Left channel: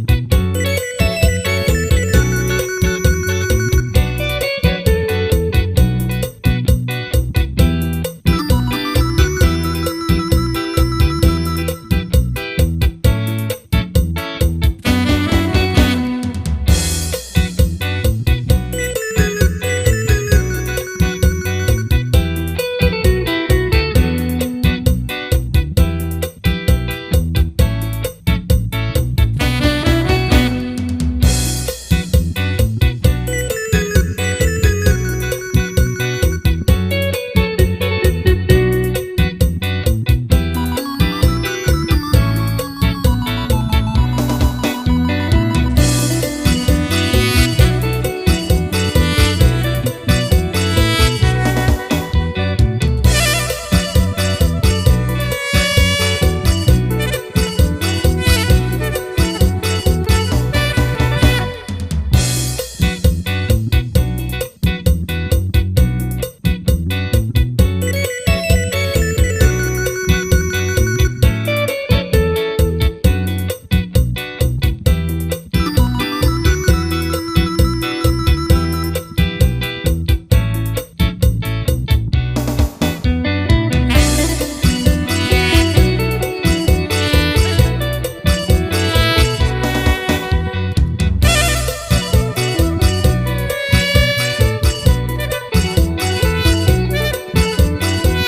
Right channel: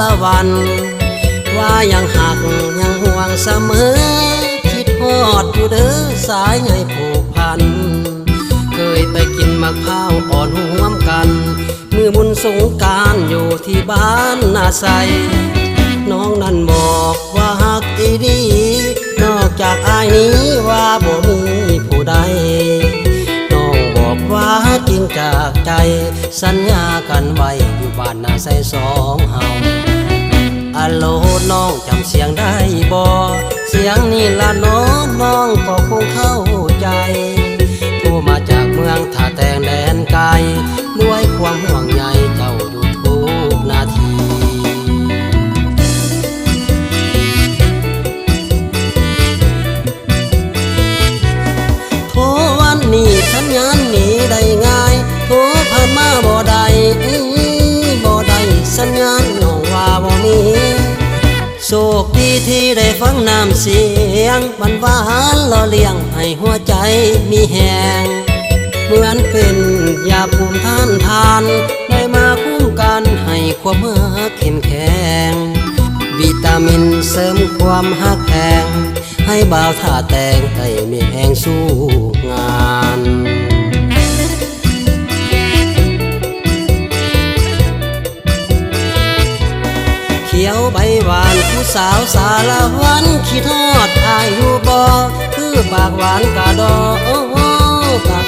ละวันว่ายังหักยังห่วงเสมอคิดฮอดอยู่เด้อสายใยผูกพันเคยไปกินมะพร้าวอ่อนห่วมกันมือบุญสงกรานต์อยู่ที่บ้านนาไซน้องนั้นบอกว่าหักอีดีนอกจากอายนี้ว่าบ่มีผู้ใดน้องบอกว่าจริงจากใจสัญญากันไว้อยู่บ้านนาไซสองเฮาอะโลน้องจำเสียงได้บ่เสียงนี่ละน้องน้องก็คงเข้าใจโทรมาจากเมืองท่าแตงแดนไกลด้วยความห่วงใยเจ้าอยู่ทุกนาทีโทรวันนี้สัญญาณนี้ได้ง่ายโทรผ่านมาบ่ได้บ่ได้สัญญาณน้องว่าบ่มีโชคดีที่ได้ฟังน้ำเสียงหวานหวานล่อเลี้ยงให้หัวใจมีแหงเหมือนเป็นยาภูมิต้านทานได้มาคุ้มกันให้ความเมื่อเข้มแข็งวิตามินเสริมความหักแพงให้บ่าวท่าแตงได้มีแหงสู้งานเขียวใบหวานผู้สาวสารวันคิดฮอดอายอยู่บ่คือปากหวานกะดอกกะ